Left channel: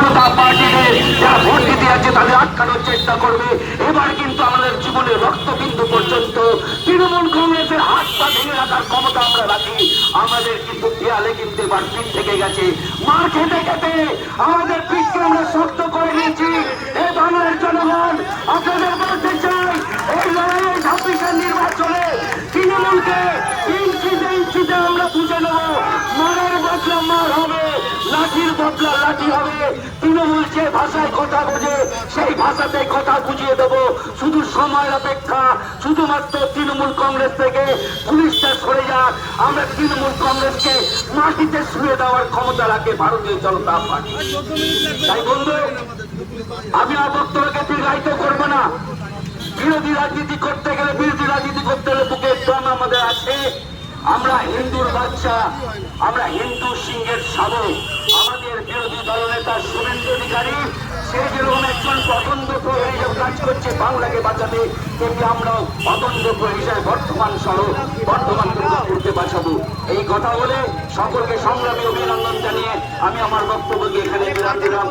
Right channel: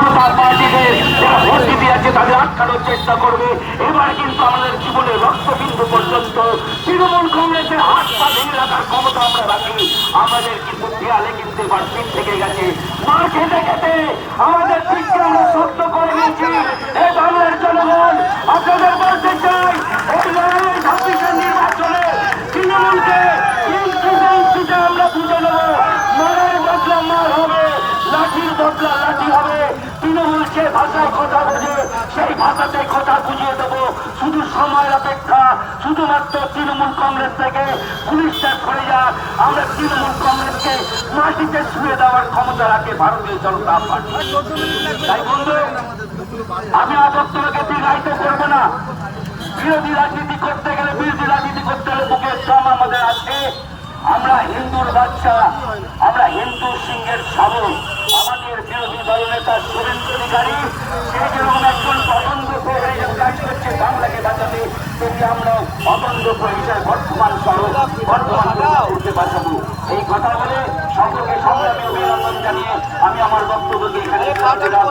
জনতা পার্টিকে যারা ভোট দিতে যাচ্ছে তাদের আটকানোর চেষ্টা করবে। এবার কিন্তু আমাদের জীবনের রক্তবিন্দু পর্যন্ত তৃণমূল কংগ্রেসের হাত পা ভেঙে রাখার ক্ষমতা আমরা রাখি। আমাদের কিন্তু দেয়ালে কিন্তু এবার পিঠ থেকে গেছে, মার খেতে খেতে আমাদের পিঠকে আমরা শক্ত করে নিয়েছি। এই বাংলার জনগণ আপনাদের বলতে চাই, এই লড়াইয়ের 26 নির্বাচনে তৃণমূলকে ইঞ্চিতে ইঞ্চিতে আমরা বুঝে নেব। মারের বদলা মার হবে, লাঠির বদলা লাঠি হবে। তৃণমূল যে ভাষায় কথা বোঝে সেই ভাষাতে কথা বুঝিয়ে দেব। শুধু সময়ের অপেক্ষা, শুধুমাত্র তৃণমূল কংগ্রেস থেকে পুলিশটা সরে যাক। আমরা তৃণমূল কংগ্রেসকে মাটিতে শুয়ে দেওয়ার ক্ষমতা রাখে ভারতীয় জনতা পার্টি। তাই বন্ধু, আমি বক্তব্যকে দীর্ঘায়িত করবো না। বিরোধী রাজনীতি করতে গেলে, বিরোধী রাজনীতি করতে হলে বুকের দম আমাদের আছে। আমরা হিন্দুর বাচ্চা, আমরা হিন্দু সিংহের শাবক। আমাদের বিরোধী দলনেতা শুভেন্দু অধিকারী সে যেরকম একজন অতন্দ্র হিসেবে কাজ করছে বাংলাকে বাঁচাতে, তেমনি আমরাও অতন্দ্র হিসেবে বর্তমান সড়ক বর্তমান করতে বাঁচাবো। এই কথা বলে সকলকে সংগ্রামী অভিনন্দন জানিয়ে আমি আমার বক্তব্যকে এখানে বিরাম দিলাম।